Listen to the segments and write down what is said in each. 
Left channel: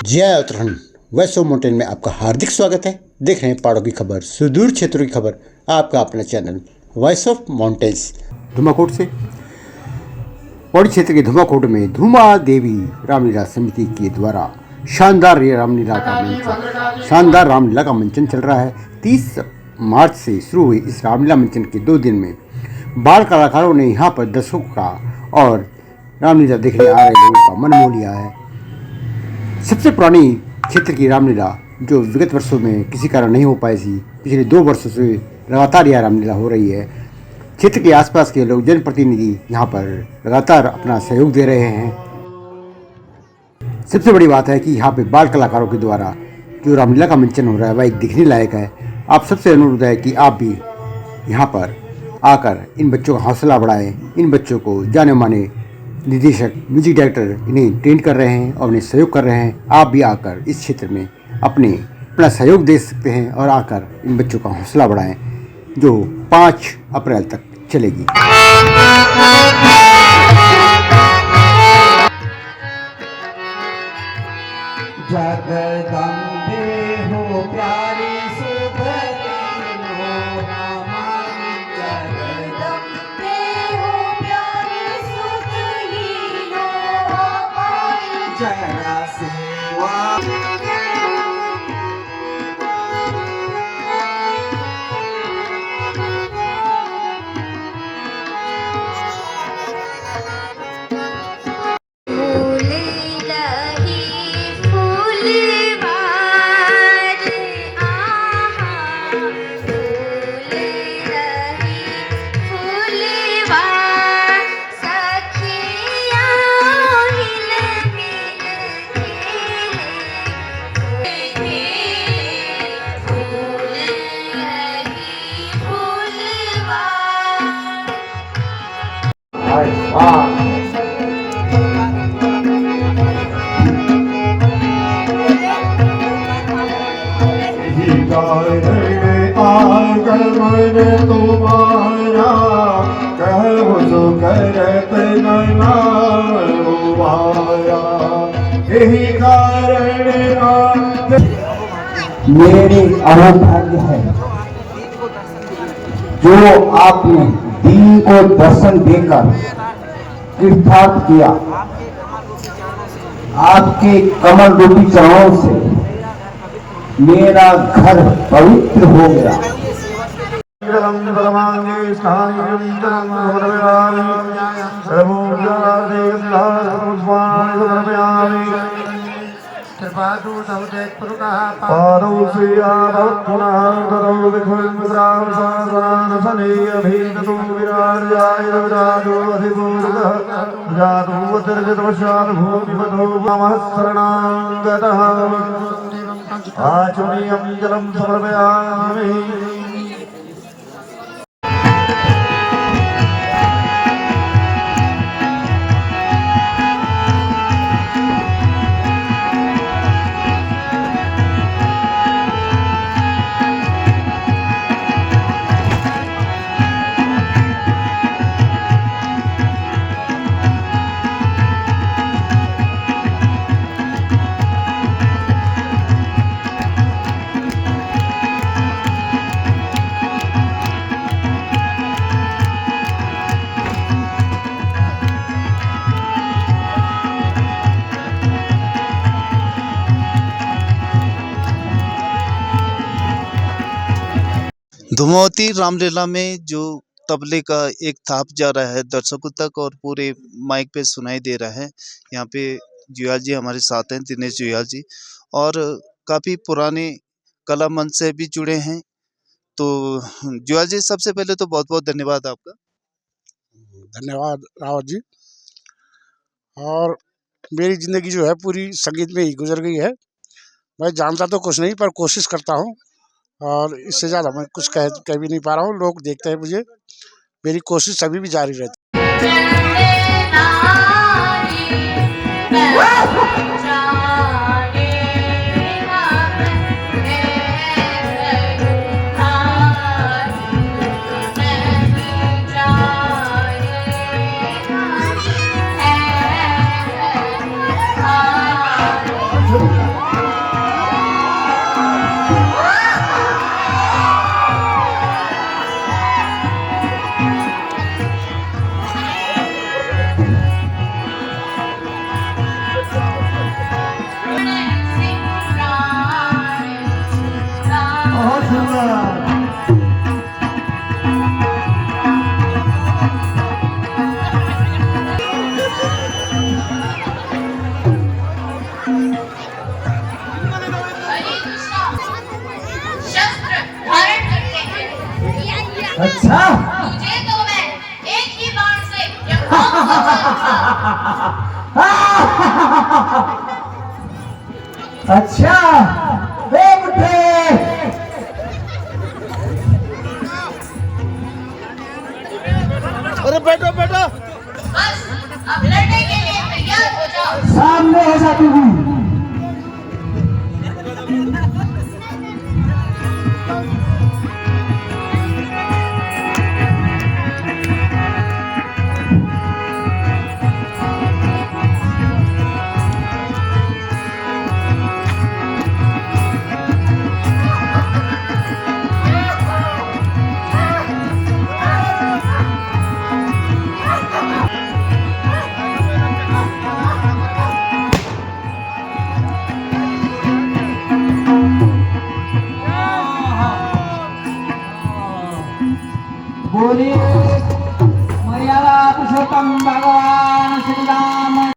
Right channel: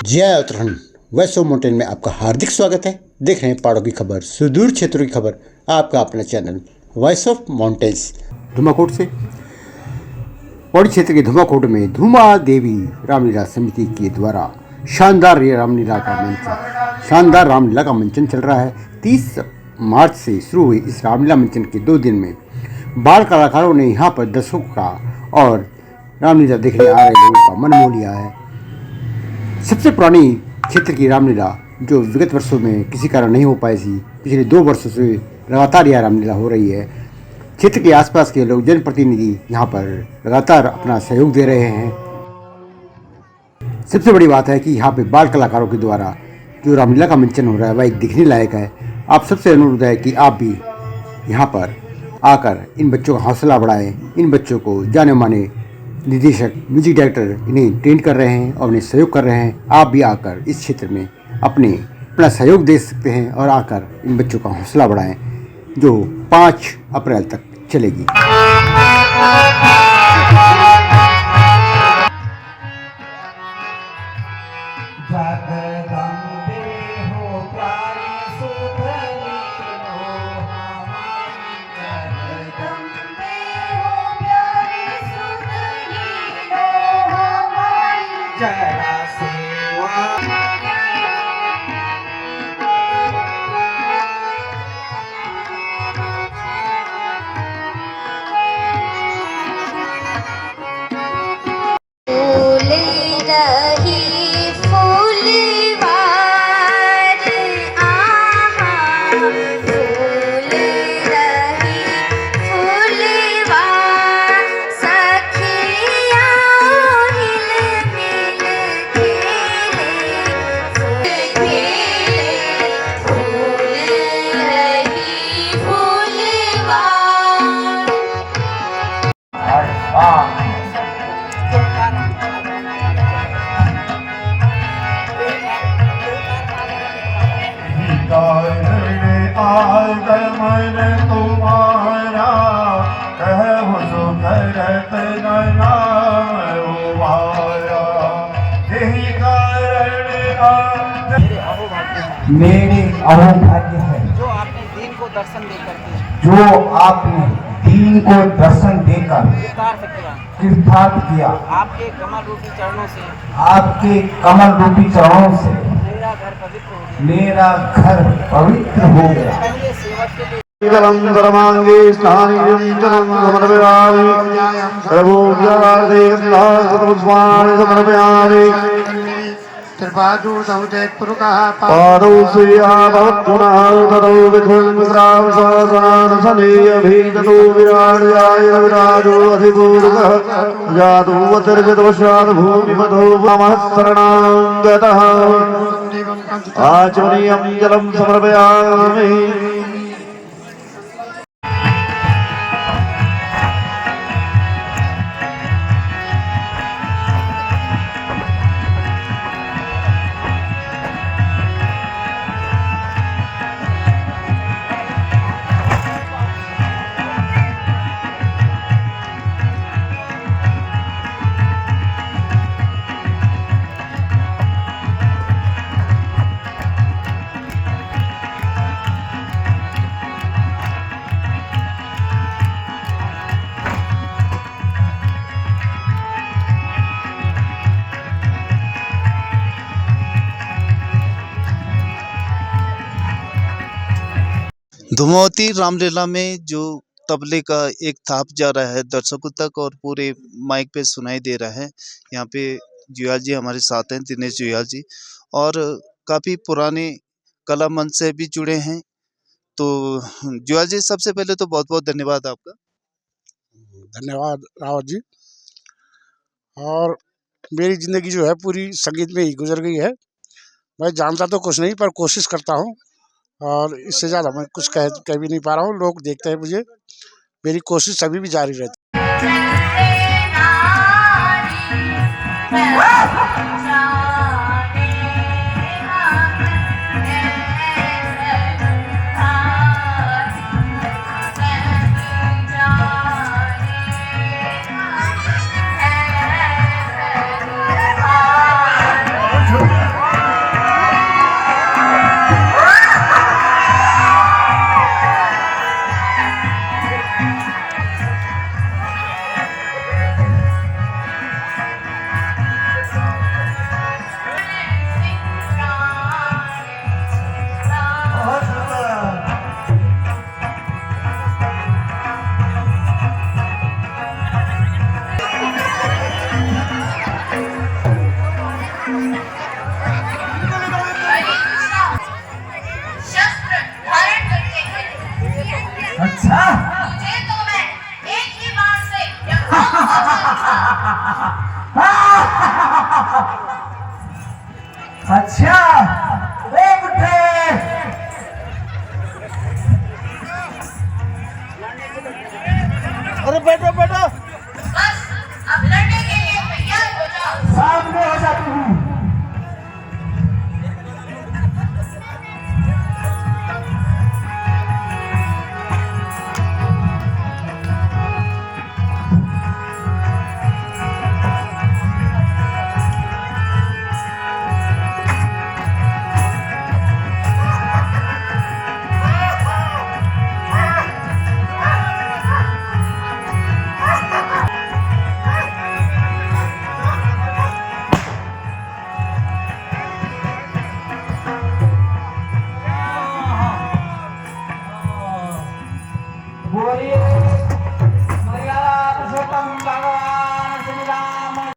जय उत्तराखंड वैष्णो माउंटेन में आपका हार्दिक स्वागत है। देख रहे हैं पहाड़ों की खबर, सुदूर क्षेत्रों की खबर, आपका अपना channel voice of mountains. Dhumakot से पौड़ी क्षेत्र के धुमाकोट में धुमा देवी रामलीला समिति के द्वारा शानदार रामलीला का मंचन चल रहा है। 30 मार्च से शुरू हुई इस रामलीला मंचन के 2 दिन में बाल कलाकारों ने यहाँ पर दर्शकों का और रामलीला देखने आ रहे लोगों का मन मोह लिया है। सबसे पुरानी क्षेत्र की रामलीला जो विगत वर्षों में किसी कारण नहीं हो पाई थी, पिछले 2 वर्षों से लगातार यह रामलीला हो रही है। क्षेत्र के आसपास के लोग, जनप्रतिनिधि यहाँ पर लगातार अपना सहयोग दे रहे हैं। सबसे बड़ी बात है कि यहाँ पे बाल कलाकारों के द्वारा जो रामलीला का मंचन हो रहा है वह एक दिखने लायक है। आप सबसे अनुरोध है कि आप भी यहाँ पर आकर इन बच्चों का हौसला बढ़ाएं। इन बच्चों को जाने माने निर्देशक, म्यूजिक डायरेक्टर इन्हें ट्रेन कर रहे हैं और उन्हें सहयोग कर रहे हैं। आप भी आकर इस क्षेत्र में अपना सहयोग दे सकते हैं और आकर इन बच्चों का हौसला बढ़ाएं, जो 5 अप्रैल तक चलेगी। मेरे अहोभाग्य है जो आपने दीन को दर्शन देकर कृतार्थ किया। आपके कमल रूपी चरणों से मेरा घर पवित्र हो गया। आचमनीयं जलं समर्पयामि। धुमावती रामलीला में जो तबले का एक थाप जा रहा है दर्शकों तक और पूरे माइक पे सुनाई दे रहा है। यहाँ पे जुयाल जी हमारे साथ हैं, दिनेश जुयाल जी, और काफ़ी पुराने कला मंच से भी जुड़े हैं। तो जुयाल जी, सबसे पहले तो बहुत बहुत धन्यवाद आपका। धन्यवाद रावत जी। और मेरी ज़िंदगी जो है पूरी संगीत में ही गुजर गई है। मैं जानता तो कुछ नहीं, पर कोशिश करता हूँ और इससे ज़्यादा मैं कुछ कह भी नहीं पा रहा हूँ। लोग देखते हैं मुझे, मेरी कोशिश अभी भी जारी रहती है। Thank you. अच्छा एक उठे अरे बैठो बैठो। अब लड़ने के लिए तैयार हो जाओ। सामने हो जाती हूँ।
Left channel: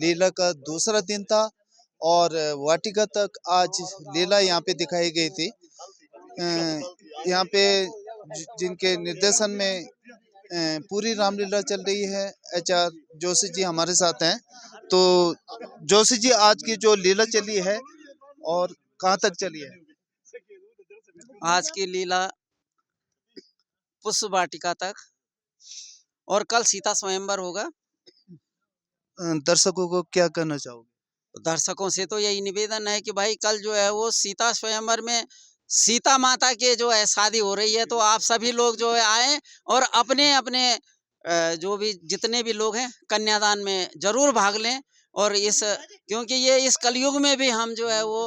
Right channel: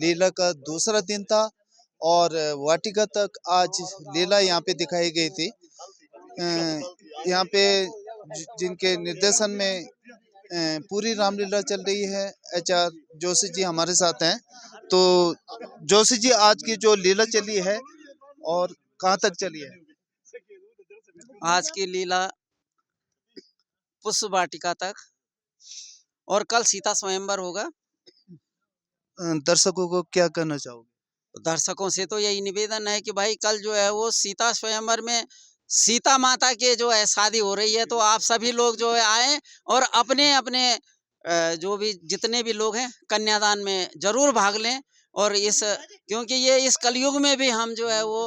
लीला का दूसरा दिन था और वाटिका तक आज लीला यहाँ पे दिखाई गई थी। यहाँ पे जिनके निर्देशन में पूरी रामलीला चल रही है, HR जोशी जी हमारे साथ हैं। तो जोशी जी, आज की जो लीला चली है और कहाँ तक चली है? आज की लीला पुष्प वाटिका तक और कल सीता स्वयंवर होगा। दर्शकों को क्या कहना चाहोगे? दर्शकों से तो यही निवेदन है कि भाई कल जो है वो सीता स्वयंवर में सीता माता के जो है शादी हो रही है, तो आप सभी लोग जो है आए और अपने अपने जो भी जितने भी लोग हैं कन्यादान में जरूर भाग लें। और इस क्योंकि ये इस कलयुग में भी हम जो है वो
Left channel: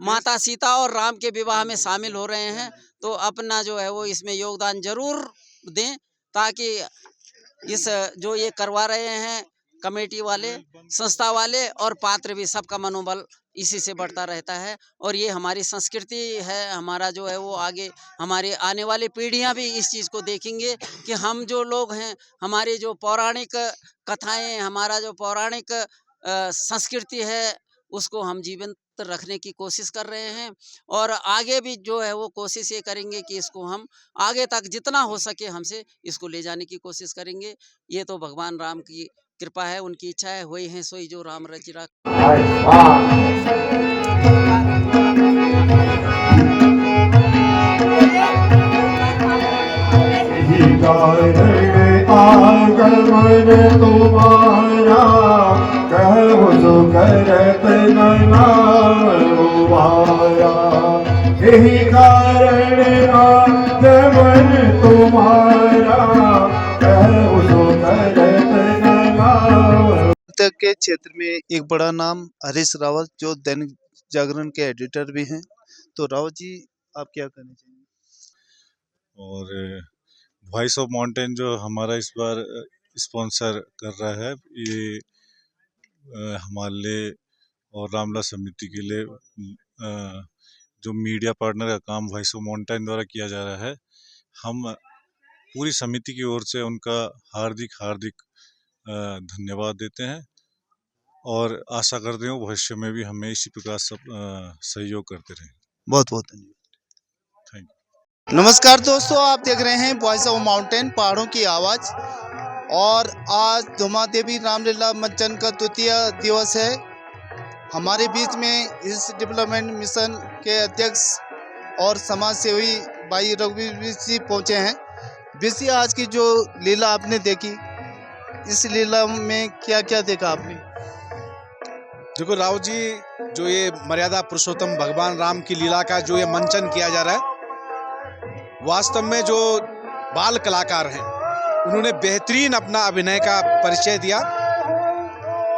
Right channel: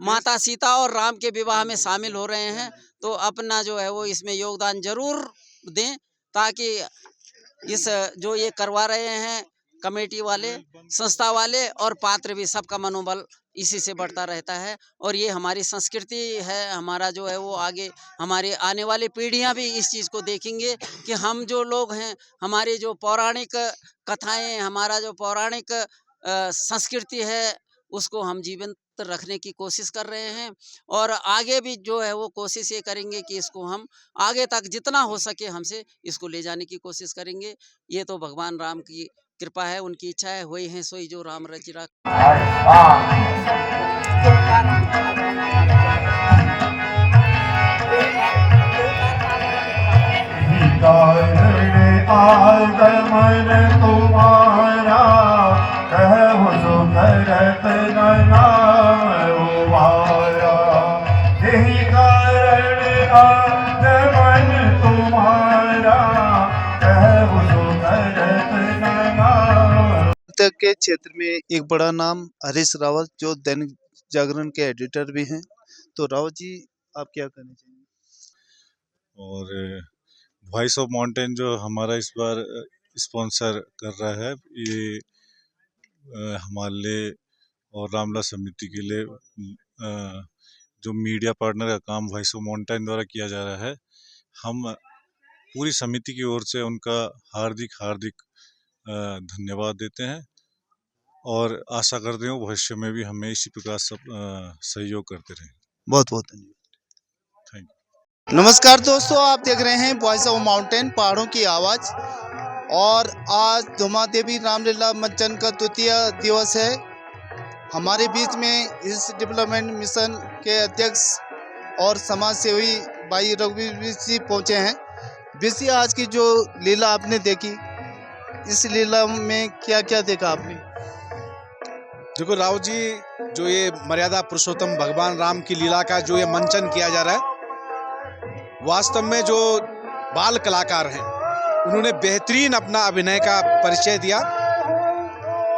माता सीता और राम के विवाह में शामिल हो रहे हैं, तो अपना जो है वो इसमें योगदान जरूर दें, ताकि इस जो ये करवा रहे हैं कमेटी वाले, संस्था वाले और पात्र भी, सबका मनोबल इसी से बढ़ता रहता है। और ये हमारी संस्कृति है, हमारा जो है वो आगे हमारे आने वाली पीढ़ियां भी इस चीज़ को देखेंगे कि हम जो लोग हैं, हमारी जो पौराणिक कथाएं, हमारा जो पौराणिक संस्कृति है, उसको हम जीवंत रखने की कोशिश कर रहे हैं। और आगे भी जो है वो कोशिश ये करेंगे कि इसको हम आगे तक जितना हो सके हमसे इसको ले जाने की कोशिश करेंगे। ये तो भगवान राम की कृपा है, उनकी इच्छा है, वही है सोई जो राम रचिरा। तुम्हारा कहो सो करत नाम उबारा, यही कारण मन तुम्हारा कहो सो करत नाम। के क्षेत्र में एक बड़ा नाम हरीश रावत, जो दैनिक जागरण के एडिटर भी हैं। तो रावत जी, आप क्या कहना चाहेंगे? और वॉइस ऑफ माउंटेन जो हमारा इस बार स्पॉन्सर कर रहा है, ये हमारे और रामला समिति के लिए जो मीडिया पार्टनर का काम वॉइस ऑफ माउंटेन द्वारा किया जा रहा है, हम पूरी समिति की ओर से उनका हार्दिक हार्दिक धन्यवाद देते हैं और आशा करते हैं भविष्य में भी हमें इसी प्रकार सब सहयोग करते रहें। बहुत बहुत धन्यवाद। Thank you. नमस्कार दोस्तों, आप देख रहे हैं वॉइस ऑफ माउंटेन, पहाड़ों की आवाज़। और आज धुमा देवी रामलीला मंचन का द्वितीय दिवस है। हमारे बीच में इस डेवलपमेंट मिशन के अध्यक्ष और समाज सेवी भाई रघुवीर जी पहुँचे हैं। बीसी, आज की जो लीला आपने देखी, इस लीला में क्या क्या देखा आपने? देखो राव जी, जो ये मर्यादा पुरुषोत्तम भगवान राम की लीला का जो ये मंचन किया जा रहा है, वास्तव में जो बाल कलाकार हैं उन्होंने बेहतरीन अपना अभिनय का परिचय दिया।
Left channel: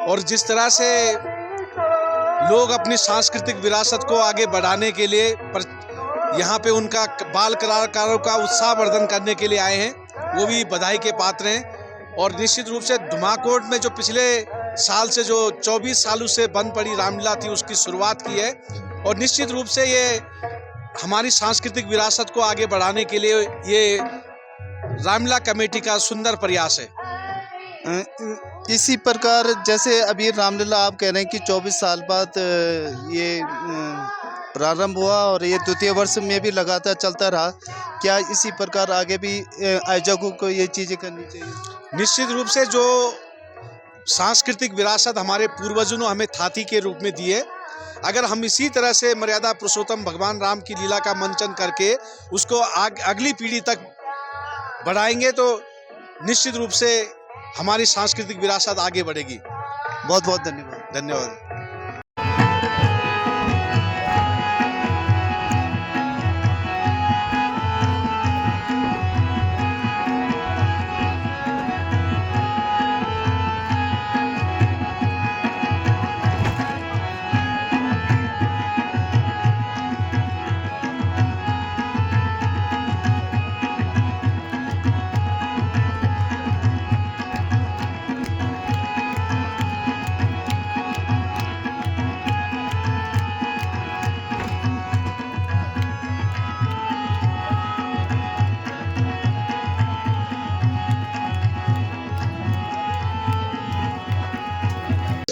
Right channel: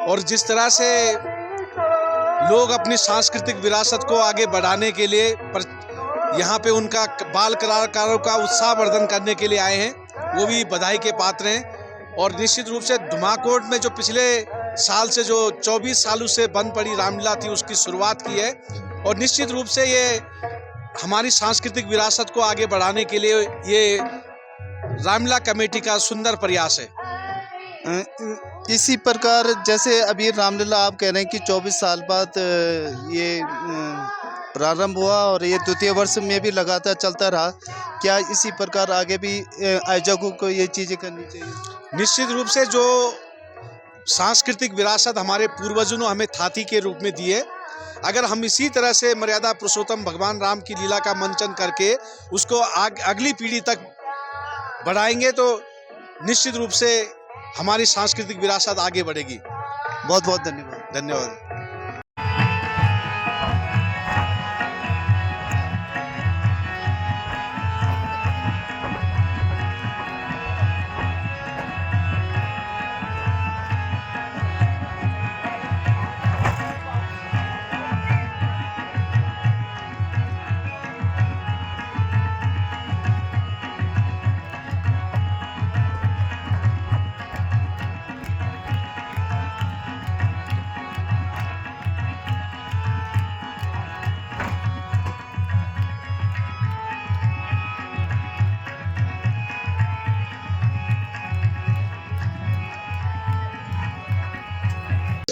और जिस तरह से लोग अपनी सांस्कृतिक विरासत को आगे बढ़ाने के लिए यहाँ पे उनका बाल कलाकारों का उत्साहवर्धन करने के लिए आए हैं, वो भी बधाई के पात्र हैं। और निश्चित रूप से धुमाकोट में जो पिछले साल से जो 24 सालों से बंद पड़ी रामलीला थी, उसकी शुरुआत की है। और निश्चित रूप से ये हमारी सांस्कृतिक विरासत को आगे बढ़ाने के लिए ये रामलीला कमेटी का सुंदर प्रयास है। इसी प्रकार जैसे अभी रामलीला आप कह रहे हैं कि 24 साल बाद ये प्रारंभ हुआ और ये द्वितीय वर्ष में भी लगातार चलता रहा, क्या इसी प्रकार आगे भी आयोजकों को ये चीज़ें करनी चाहिए? निश्चित रूप से जो सांस्कृतिक विरासत हमारे पूर्वजों ने हमें थाती के रूप में दी है, अगर हम इसी तरह से मर्यादा पुरुषोत्तम भगवान राम की लीला का मंचन करके उसको अगली पीढ़ी तक बढ़ाएंगे तो निश्चित रूप से हमारी सांस्कृतिक विरासत आगे बढ़ेगी। बहुत बहुत धन्यवाद। धन्यवाद।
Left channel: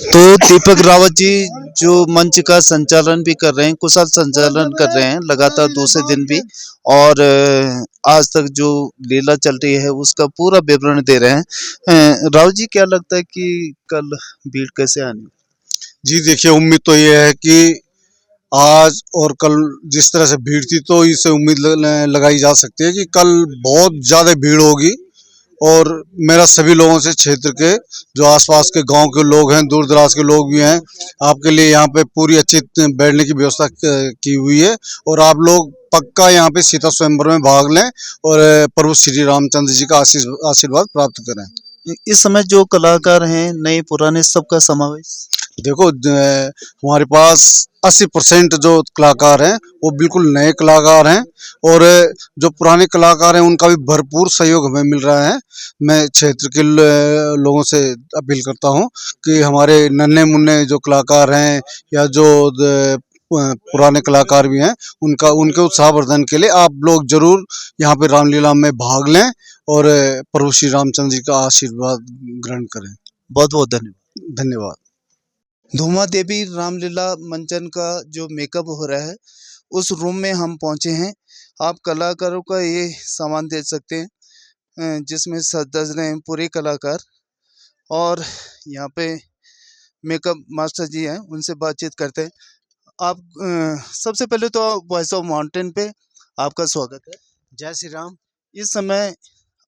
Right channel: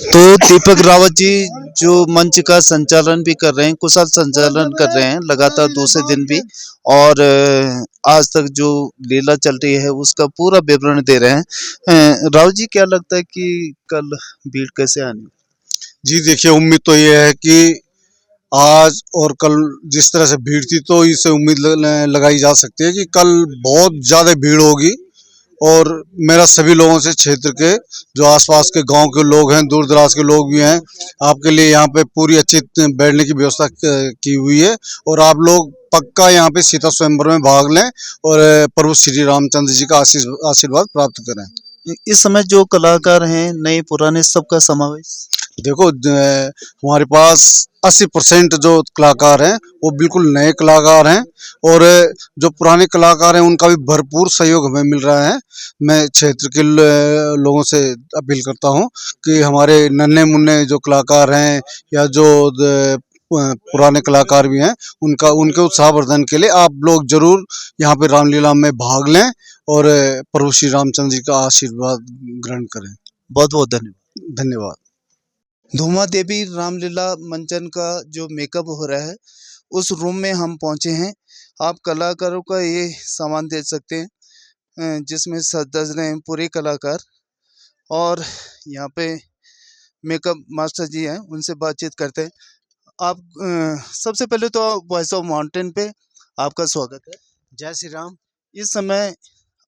तो दीपक रावत जी जो मंच का संचालन भी कर रहे हैं, कुशल संचालन कर रहे हैं लगातार दूसरे दिन भी, और आज तक जो लीला चल रही है उसका पूरा विवरण दे रहे हैं। रावत जी, क्या लगता है कि कल भीड़ कैसे आनी? जी देखिए, उम्मीद तो ये है कि आज और कल जिस तरह से भीड़ थी तो इससे उम्मीद लगाई जा सकती है कि कल बहुत ज़्यादा भीड़ होगी। और मेरा सभी लोगों से, क्षेत्र के जो आसपास के गांव के लोग हैं, दूर दराज के लोग भी हैं, आपके लिए यहाँ पे पूरी अच्छी बैठने की व्यवस्था की हुई है। और आप लोग पक्का यहाँ पे सीता स्वयंवर में भाग लें और प्रभु श्री रामचंद्र जी का आशीर्वाद प्राप्त करें। इस समय जो कलाकार हैं, नए पुराने, सबका समावेश? देखो, हमारे पास 80% जो कलाकार हैं वो बिल्कुल नए कलाकार हैं, और जो पुराने कलाकार हैं उनका भी भरपूर सहयोग हमें मिल रहा है। मैं क्षेत्र के लोगों से अपील करता हूं कि हमारे नन्हे मुन्ने जो कलाकार हैं या जो पुराने कलाकार भी हैं, उनके उत्साहवर्धन के लिए आप लोग जरूर यहाँ पे रामलीला में भाग लें और प्रभु श्री रामचंद्र जी का आशीर्वाद ग्रहण करें। बहुत बहुत धन्यवाद। धन्यवाद। धूमा देवी रामलीला मंचन का जो मेकअप हो रहा है उस रूम में हम पहुंचे हैं। आप कलाकारों का ये सामान देख सकते हैं जिसमें सज रहे हैं पूरे कलाकार, और यहाँ पे मेकअप मास्टर जी हैं, उनसे बातचीत करते हैं। आप सबसे पहले तो वॉइस ऑफ माउंटेन पे आपका स्वागत है। जय श्री राम। इस समय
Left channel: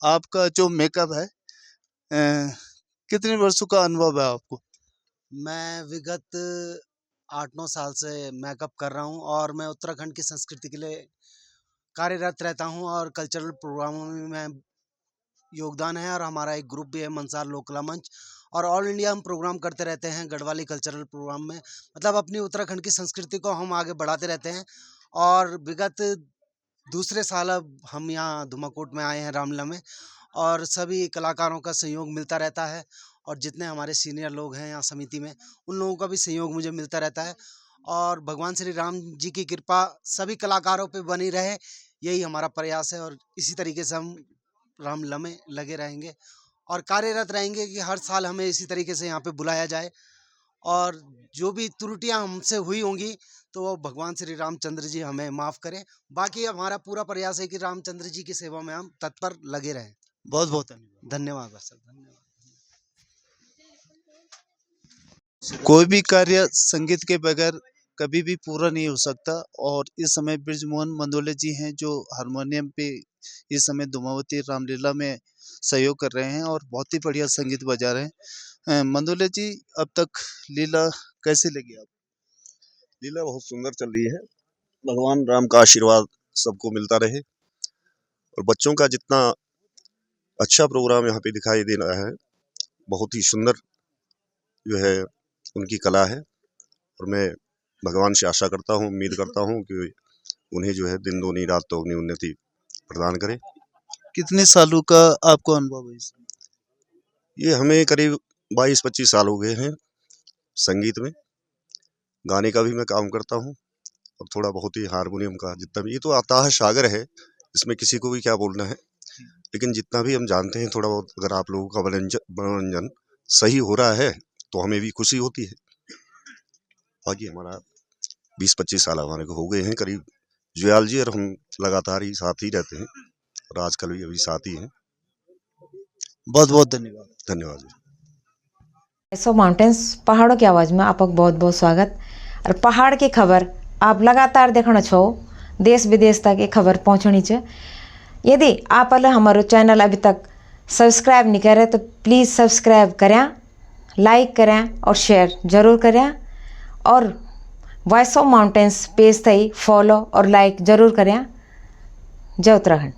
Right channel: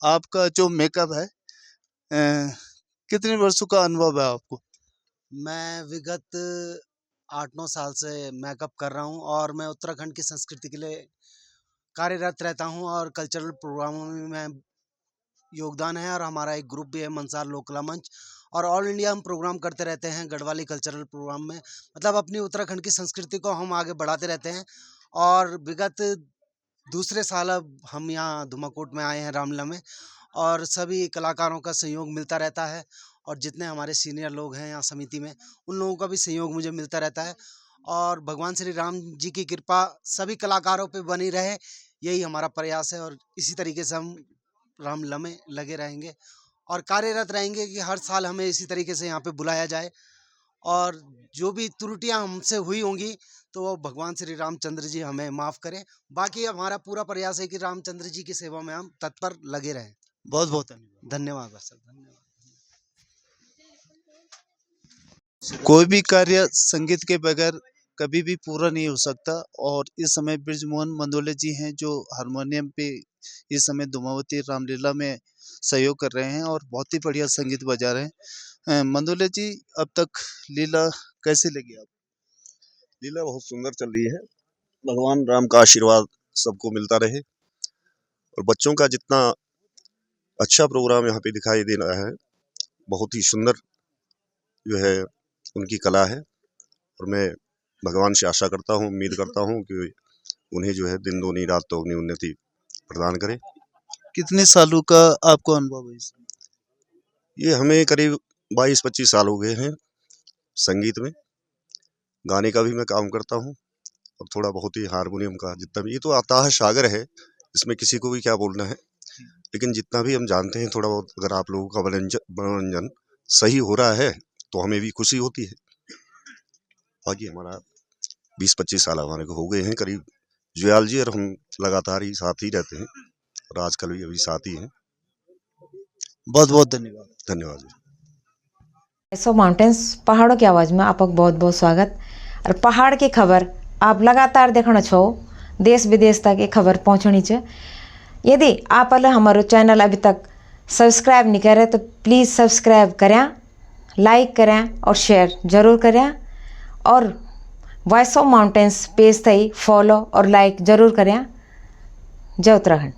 आपका जो मेकअप है, कितने वर्षों का अनुभव है आपको? मैं विगत 8-9 साल से मेकअप कर रहा हूं और मैं उत्तराखंड की संस्कृति के लिए कार्यरत रहता हूं और कल्चरल प्रोग्रामों में मैं योगदान है। और हमारा एक ग्रुप भी है, मंसार लोक कला मंच, और ऑल इंडिया हम प्रोग्राम करते रहते हैं गढ़वाली कल्चरल प्रोग्राम में। मतलब अपनी उत्तराखंड की संस्कृति को हम आगे बढ़ाते रहते हैं। और विगत दूसरे साल अब हम यहाँ धुमाकोट में आए हैं रामलीला में, और सभी कलाकारों का सहयोग मिलता रहता है। और जितने हमारे सीनियर लोग हैं यहाँ समिति में, उन लोगों का भी सहयोग मुझे मिलता रहता है। और भगवान श्री राम जी की कृपा सभी कलाकारों पे बनी रहे, यही हमारा प्रयास है। और इसी तरीके से हम रामलीला में लगे रहेंगे और कार्यरत रहेंगे कि हर साल हमें इसी तरीके से यहाँ पे बुलाया जाए। और जो भी त्रुटियां हमसे हुई होंगी तो वो भगवान श्री रामचंद्र जी हमें माफ़ करें। बाकी हमारा पूरा प्रयास है कि रामचंद्र जी की सेवा में हम तत्पर लगे रहें। बहुत बहुत धन्यवाद। धन्यवाद सर, धन्यवाद। कोई भी कार्य संगीत के बगैर कभी भी पूरा नहीं हो सकता, और इस समय ब्रिजमोहन मंदोले जी हैं जो हारमोनियम पे इस समय धूमावती रामलीला में सहयोग कर रहे हैं और बहुत ही बढ़िया संगीत बजा रहे हैं। मंदोले जी, अब तक लीला कैसे लगी आप? लीला बहुत सुंदर चल रही है। भगवान राम का आशीर्वाद सबको मिलता रहे, और बच्चों का जितना अच्छा प्रोग्राम यहाँ पे दिखाई दे रहा है, बहुत ही सुंदर जो है उनकी कला है। और मैं भगवान से आशा करता हूँ, उम्मीद करता हूँ कि उन्हें जो है दिन दूनी रात तो अपनी उन्नति प्रदान करें। कितने सालों का आपको अनुभव है इसमें? ये हमें करीब 22-25 साल हो गए हैं संगीत में। गाने का भी मैं काम करता हूँ और थोड़ा बहुत ही हारमोनियम का, जितना भी, ये तो अथाह सागर है, इसमें किसी को भी क्या बोलना है। लेकिन जितना भी हम जानते हैं थोड़ा बहुत, अगर आप लोगों का मनोरंजन सही हो रहा है तो हमें भी खुशी होती है। बाकी हमारा 20-25 साल हमारे को हो गए हैं करीब। जुयाल जी और हम लगातार ही साथ ही रहते हैं और आजकल भी अभी साथ ही हैं। बहुत बहुत धन्यवाद। धन्यवाद जी। वॉइस ऑफ माउंटेन्स, पहाड़ों की आवाज़ में आपका बहुत बहुत स्वागत। और पहाड़ की खबर आप लगातार देखना छो, देश विदेश तक ये खबर पहुँचनी च। यदि आप हमारो चैनल अभी तक सब्सक्राइब नहीं करे तो प्लीज़ सब्सक्राइब करें, लाइक करें और शेयर ज़रूर करें। और वॉइस ऑफ माउंटेन्स पेज थी फॉलो और लाइक ज़रूर करें। जय उत्तराखंड।